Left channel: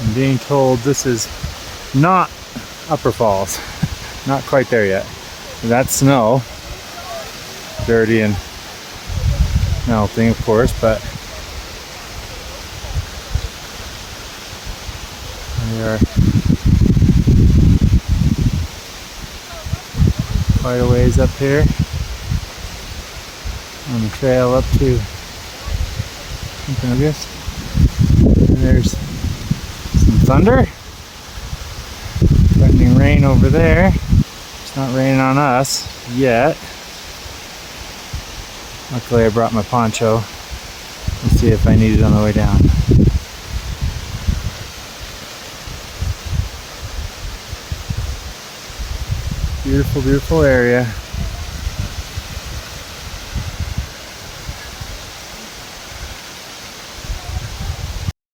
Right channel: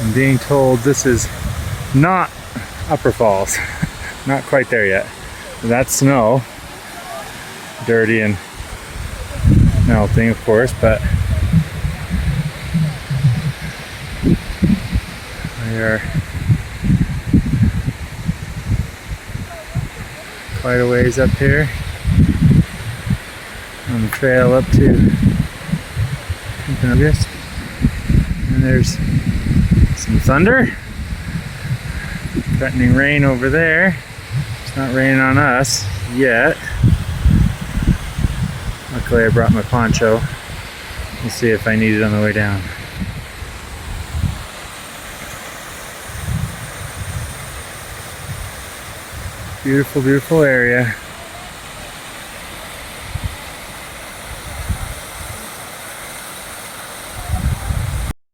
I'm being told this is not Upper Falls. Not quite there yet. That's snow. Dirty and melting, of course, but we are quite a ways up here on the trail up to Timpanogos. And there's some thunder. Threatening rain over there. It's not raining on us yet. Luckily I brought my poncho. We'll see if I need it on the way down. Beautiful, beautiful area.